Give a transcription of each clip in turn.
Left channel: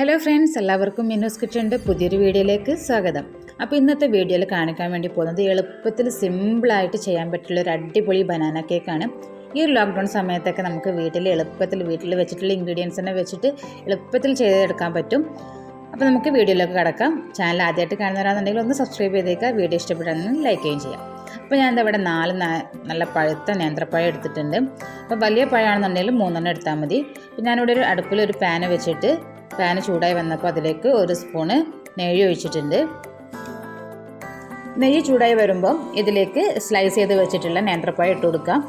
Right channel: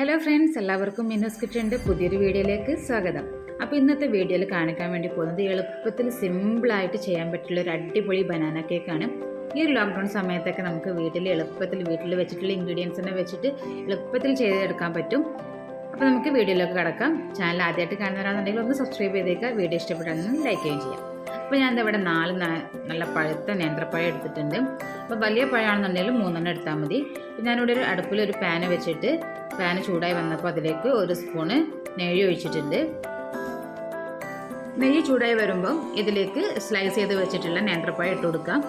Hello friends, എല്ലാവർക്കും മിന്നൂസ് കിച്ചൻ്റെ പുതിയൊരു വീഡിയോയിലേക്ക് സ്വാഗതം. അപ്പോൾ ഇന്നത്തെ വീഡിയോയിൽ കാണിക്കാൻ വേണ്ടി പോകുന്നത് എളുപ്പത്തിൽ സിമ്പിളായിട്ട് ചെയ്യാൻ പറ്റുള്ള ഒരു അടിപൊളി ബനാന കേക്കാണ്. ഈ ഒരു ലോക്ക്ഡൗൺ സമയത്തൊക്കെ നമുക്ക് വീട്ടിൽ വെച്ചിട്ടുള്ള ഇൻഗ്രീഡിയൻസ് തന്നെ വെച്ചിട്ട് എളുപ്പത്തിൽ ചെയ്തെടുക്കാൻ പറ്റും. അപ്പോൾ നമുക്ക് വീഡിയോയിലേക്ക് കടക്കാം. ചാനൽ ആദ്യമായിട്ട് കാണുന്നവരാണെന്നുണ്ടെങ്കിൽ ഒന്ന് സബ്സ്ക്രൈബ് ചെയ്തേക്കുക. വീഡിയോ ഇഷ്ടപ്പെട്ടാണെങ്കിൽ ലൈക്ക് ചെയ്യുകയും ചെയ്യാം. അപ്പോൾ ഞാനിവിടെ ഇവിടെ 4 നല്ല പഴുത്ത നേന്ത്രപ്പഴം എടുത്തിട്ടുണ്ട്. അപ്പോൾ വലിയ പഴമാണെന്നുണ്ടെങ്കിൽ 3 എടുത്താൽ മതി. അപ്പോൾ ഞാനിവിടെ ഒരു അടുപ്പിലൊരു പാന് വെച്ചിട്ട് പാന് ചൂടായി വന്നപ്പോൾ അതിലേക്ക് 1 സ്പൂണ് നെയ്യ് ഒഴിച്ചിട്ടുണ്ട്. നെയ്യ് ചൂടായി വരുമ്പം ഇതിലേക്ക് സ്ലൈസ് ചെയ്ത് വെച്ചിട്ടുള്ള നേന്ത്രപ്പഴം ഇട്ട് കൊടുക്കാം.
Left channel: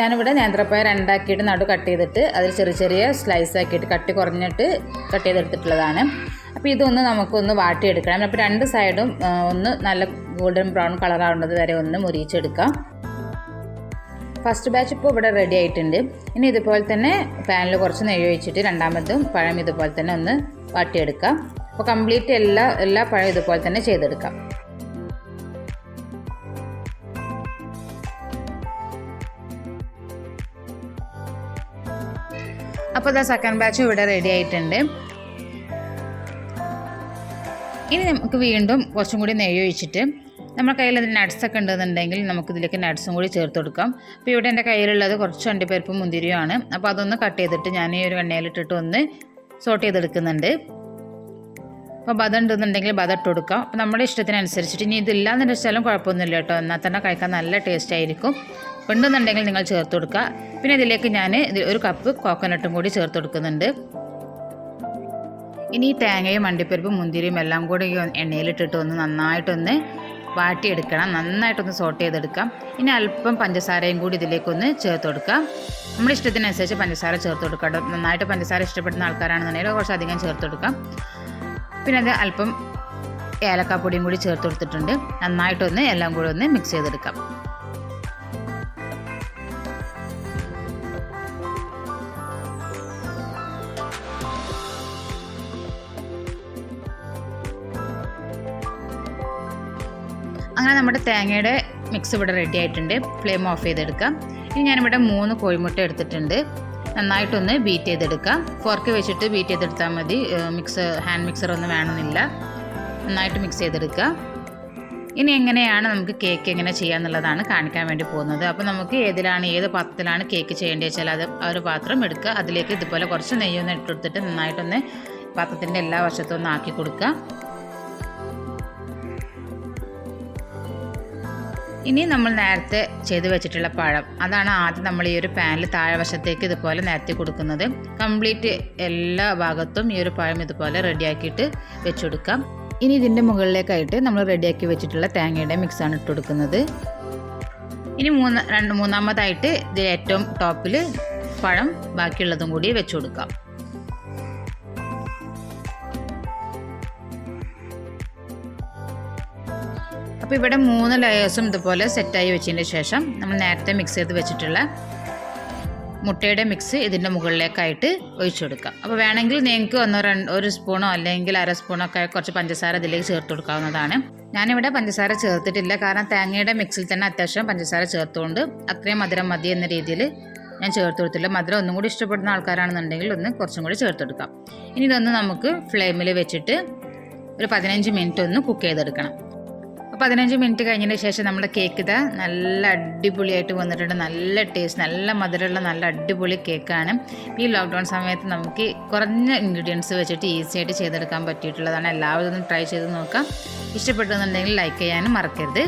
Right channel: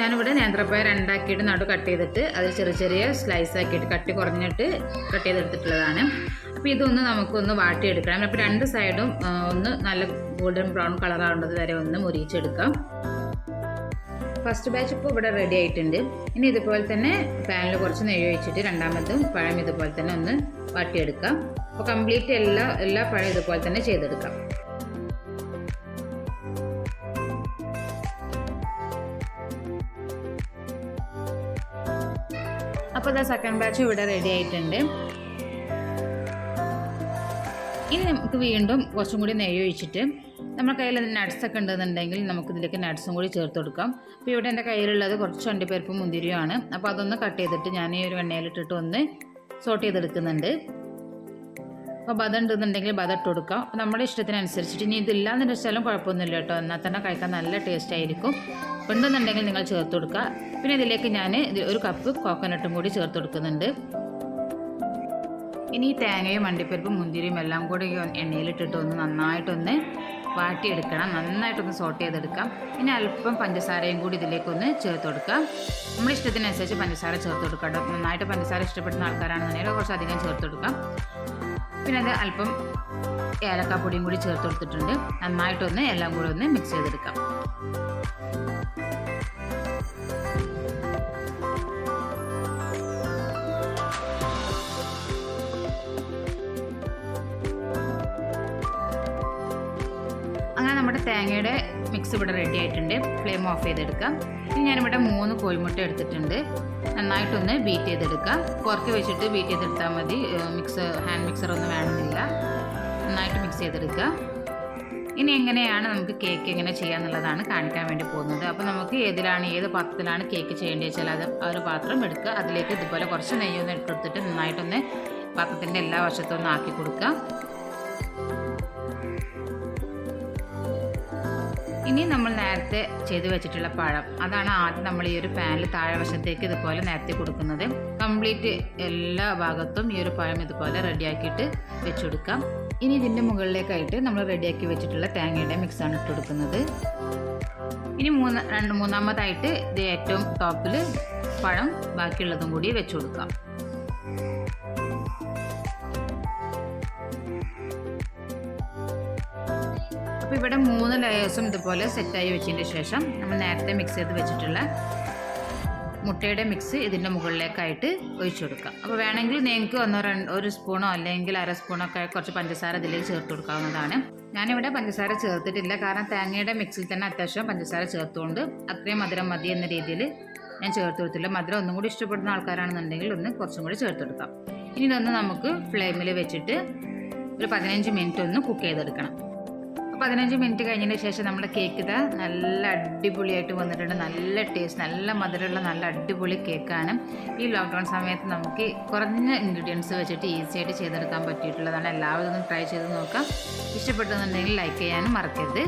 ഞാനിവിടെ നേന്ത്രപ്പഴം 2 ആക്കിയിട്ട് നടു കട്ട് ചെയ്തിട്ട് അതിൽ ചെറിയ ചെറിയ സ്ലൈസ് ആക്കിയിട്ട് കട്ടി കുറഞ്ഞിട്ട് കട്ട് ചെയ്തെടുത്തിട്ടുള്ളതാണ്. അപ്പോൾ ഇതൊന്ന് നമുക്കൊന്ന് വാട്ടിയെടുക്കണം. അപ്പോൾ 2 സൈഡും ഒന്ന് നല്ല ഗോൾഡൻ ബ്രൗൺ കളറാവുന്നത് വരെ ഒന്ന് മുരിച്ചെടുക്കാം. ഫസ്റ്റ് ബാച്ച് ഇപ്പോൾ ഇവിടെ റെഡി ആയിട്ടുണ്ട്. ഇനി ഇതുപോലെ തന്നെ പാനിൽ കുറച്ച് നെയ്യ് ഒഴിച്ചിട്ട് രണ്ടാമതും പഴം ഇതുപോലെ തന്നെ ഒന്ന് വാട്ടിയെടുക്കാം. അപ്പോൾ കംപ്ലീറ്റ് എല്ലാ പഴം ഇതുപോലെ തന്നെ ചെയ്തെടുക്കാം. അപ്പോൾ ഇതാ സെക്കൻഡ് ബാച്ച് ഇവിടെ റെഡി ആയിട്ടുണ്ട്. ഇനി നമുക്ക് വീണ്ടും കുറച്ചും കൂടി നെയ്യ് ഒഴിച്ചിട്ട് നമ്മുടെ കയ്യിൽ നട്ട്സൊക്കെ ഉണ്ടെന്നുണ്ടെങ്കിൽ നമുക്കിതിലേക്ക് നട്ട്സും കൂടി ചേർത്ത് കൊടുക്കാം. അപ്പോൾ ഇവിടെ എൻ്റെ കയ്യിലുള്ളത് കുറച്ച് അണ്ടിപ്പരിപ്പും മുന്തിരിയുമാണ്. അപ്പോൾ അതൊന്ന് കട്ട് ചെയ്തിട്ട് ഞാൻ ഈ ഒരു എണ്ണയിലിട്ടിട്ട് ഒന്ന് സോട്ട് ചെയ്തെടുക്കുന്നുണ്ട്. അപ്പോൾ ബദം ഉണ്ടെന്നുണ്ടെങ്കിൽ ബദം ഇട്ട് കൊടുക്കാം. അപ്പോൾ നമ്മുടെ ഇഷ്ടത്തിനനുസരിച്ചിട്ട് ഇനി ഇതില്ലാന്ന് വെച്ചാലും കുഴപ്പമൊന്നുമില്ല കേട്ടോ. എന്നാൽ തന്നെ കഴിക്കാൻ നല്ല ടേസ്റ്റ് ആയിരിക്കും. ഉണ്ടെന്നുണ്ടെങ്കിൽ നിങ്ങൾ ചേർത്ത് കൊടുക്കുക. പിന്നെ ഇതിലേക്ക് ഞാൻ 1 കപ്പ് കോക്കനട്ടും കൂടി ചേർത്ത് കൊടുക്കുന്നുണ്ട്. ഇനി തേങ്ങയും അണ്ടിപ്പരിപ്പും മുന്തിരിയും എല്ലാം കൂടി എണ്ണയിലിട്ടിട്ട് ഒന്ന് നന്നായിട്ടൊന്ന് വാട്ടിയെടുക്കണം. നന്നായിട്ടൊന്ന് സോട്ട് ചെയ്തെടുക്കാം. ഇനി അല്പം പഞ്ചസാരയും കൂടി ഇതിലേക്കൊന്ന് ചേർത്ത് കൊടുക്കാം. നമ്മുടെ ഇഷ്ടത്തിനനുസരിച്ച് പഞ്ചസാര ചേർത്ത് കൊടുക്കാം. നന്നായിട്ട് പഞ്ചസാര ഇഷ്ടപ്പെടുന്ന ആൾക്കാരാണെന്നുണ്ടെങ്കിൽ കുറച്ചധികം ചേർത്ത് കൊടുക്കാം. പിന്നെ അത് അല്പം ഏലക്കാപ്പൊടിയും കൂടി ചേർത്ത് കൊടുത്തിട്ടുണ്ട്. നന്നായിട്ടൊന്ന് എല്ലാം കൂടി ഒന്ന് മിക്സ് ചെയ്തെടുക്കാം. അങ്ങനെ നമ്മുടെ തേങ്ങയുടെ മിക്സ് ഇവിടെ റെഡി ആയിട്ടുണ്ട്. ഫ്ലെയിം ഓഫ് ചെയ്തെടുക്കാം. ഇനി ഞാനിവിടെ 3 കോഴിമുട്ട എടുത്തിട്ടുണ്ട്. നന്നായിട്ടൊന്ന് ബീറ്റ് ചെയ്തെടുക്കാം. ഫോർക്ക് വെച്ചിട്ട് ബീറ്റ് ചെയ്തെടുത്താൽ മതി. ഹാൻഡ് മിക്സർ ഒന്നും വേണമെന്നില്ല. നന്നായിട്ട് മിക്സ് ചെയ്തെടുക്കുക. ഇനി എങ്ങനെയാണ് നമുക്ക് കേക്ക് എങ്ങനെ ചെയ്യാന്നുള്ളതാണ് കാണിക്കാൻ വേണ്ടി പോകുന്നത്. അപ്പോൾ നമുക്ക് ഏത് പാത്രത്തിലാണ് കേക്ക് ചെയ്യേണ്ടത് വെച്ചാൽ ആ ഒരു പാത്രം എടുക്കുക. അതിലേക്ക് ഇതുപോലെ കുറച്ച് നെയ്യൊന്ന് ഇട്ടെടുത്തിട്ട് നന്നായിട്ടൊന്ന് പാത്രത്തിൻ്റെ എല്ലാ വശത്തും ഒന്ന് ആക്കി കൊടുക്കുക. ഇനി നമ്മൾ നേരത്തെ ചെയ്ത് വെച്ചിട്ടുള്ള പഴം അതാണ് ആദ്യം നമ്മൾ ഈ ഒരു പാനിൽ താഴെ വശത്തേക്ക് ഇതുപോലെ നിരത്തി കൊടുക്കുന്നത്. കംപ്ലീറ്റ് എല്ലാ ഭാഗത്തും ഈ ഒരു പഴം ഇതുപോലെ റെഡിയാക്കിയിട്ട് വെച്ച് കൊടുക്കാം. ഇനി ഇതിൻ്റെ മുകളിലേക്കായിട്ട് നമ്മൾ റെഡിയാക്കി വെച്ചിട്ടുള്ള തേങ്ങയുടെ മിക്സാണ് ഇട്ട് കൊടുക്കുന്നത്. ഇനി മൂന്നാമതായിട്ട് ഇത് ഏറ്റവും ടോപ്പിൽ പഴം ബാക്കിയുള്ളതും കൂടി വെച്ച് കൊടുക്കാം. അപ്പോൾ ഇവിടെ 3 ലെയേഴ്സും ഇതുപോലെ സെറ്റായി വെച്ചതിന് ശേഷം നമ്മൾ നേരത്തെ മിക്സ് ചെയ്ത് വെച്ചിട്ടുള്ള മുട്ടയുടെ മിക്സ് ഇതിൻ്റെ മുകളിലേക്കായിട്ട് ഒഴിച്ചു കൊടുക്കുക. അപ്പോൾ വേണമെങ്കിൽ നിങ്ങൾക്ക് 1 സ്പൂണോ അല്ലെങ്കിൽ 1/2 സ്പൂണൊക്കെ കുറച്ച് പഞ്ചസാര ഇതിലേക്ക് ചേർത്ത് കൊടുക്കാവുന്നതാണ്. ഞാനിവിടെ പഞ്ചസാര ചേർത്തിട്ടില്ല, കാരണം തേങ്ങയുടെ മിക്സിൽ തന്നെ അത്യാവശ്യം പഞ്ചസാര ചേർത്തുകൊണ്ട് അത്രയും മധുരം മതി എന്ന രീതിയിൽ ഞാൻ ചേർത്ത് കൊടുത്തില്ല. മധുരം ഒന്നും കൂടി ഇഷ്ടപ്പെടുന്ന ആൾക്കാരാണെന്നുണ്ടെങ്കിൽ കുറച്ചും കൂടി ചേർത്ത് കൊടുക്കാം. ഇനി ഇതൊന്ന് നമുക്ക് ഫ്ലെയിമിൽ വെച്ചിട്ട് ഒരു 15 മിനിറ്റ് ഒന്ന് കുക്ക് ചെയ്തെടുക്കണം. 15 മിനിറ്റ് കഴിഞ്ഞതിന് ശേഷം നമ്മുടെ കേക്ക് ഇതാ നല്ല അടിപൊളിയായിട്ട് വന്നിട്ടുണ്ട്. നല്ല ടേസ്റ്റ്, നല്ല മധുരമുള്ള നല്ല അടിപൊളി കേക്കാണ്. ഈ ലോക്ക്ഡൗൺ സമയത്ത് നമുക്ക് കുറഞ്ഞ ഇൻഗ്രീഡിയൻസ് വെച്ചിട്ട് ഈസി ആയിട്ട് ചെയ്തെടുക്കാൻ പറ്റിയിട്ടുള്ളതാണ്. എല്ലാവരും ഒന്ന് ട്രൈ ചെയ്ത് നോക്കാം. ഇഷ്ടപ്പെട്ടെന്നുണ്ടെങ്കിൽ ലൈക്ക് ചെയ്യാനും മറക്കരുത്.